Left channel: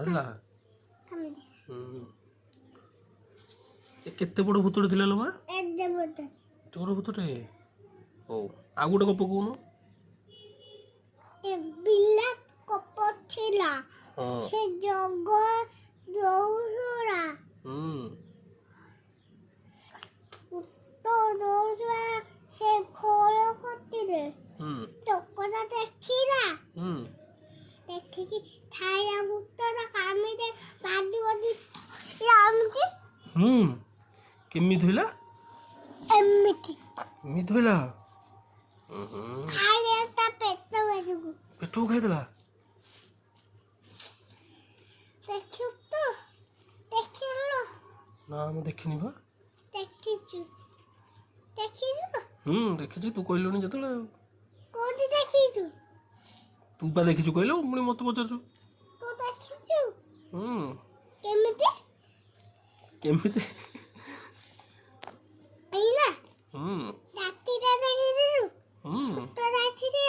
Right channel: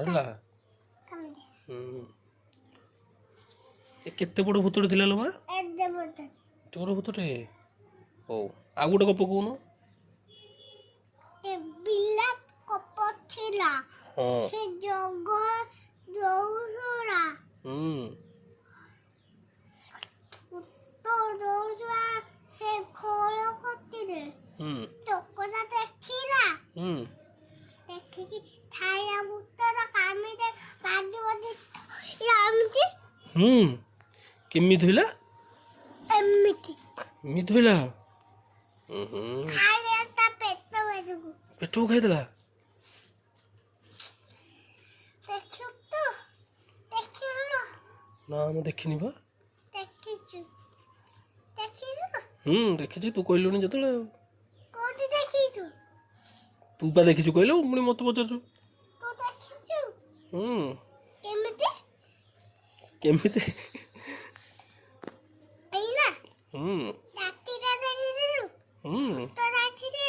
ବାହାରିଲା। ଏ କେତେ ବଡ଼ ଭୂତଟେ ଥିଲା ଲୋ ମା? ଏତେ ବଡ଼ ଭୂତଟେ। ହଉ ଆଉ ଗୋଟେ ଗପ କହୁନୁ। ବିଲା କପ ଥିଲା ସେ ଜଗ ଦଉରା ତ ଦଉରା ସେ ଖୋଳ କତିରେ ଟୋକଟା ଦେଖିଲା ଦେଖିକି ଥାଇଆ ଭୂତର କାମିରେ ବାଜି ବାଜି ଏମିତି କେମିତି ହେଲା? ଏମିତି ହେଲା। ଖାଇଲା ତା ପେଟକୁ ଖାଇଦେଲା। ଦେଖିବୁ ତ ଦେଖିଲୁ ନା ମୁଁ ଦେଖିନି ବା। ଦେଖିଛୁ ଦେଖିଛି ତୁ କହିଲୁନି ଯେତେବେଳେ। କୋଉଠି ଦେଖିଛୁ? ତୁ ବା ଦେଖିଛୁ କହିଲୁ ପୁଣି ମତେ ପଚାରୁଛୁ। ତୁ ଦେଖିଛୁ? କେମିତି ଏଇନା ରାତିଟା ଦେଖିଛୁ ତ ରାତିଟା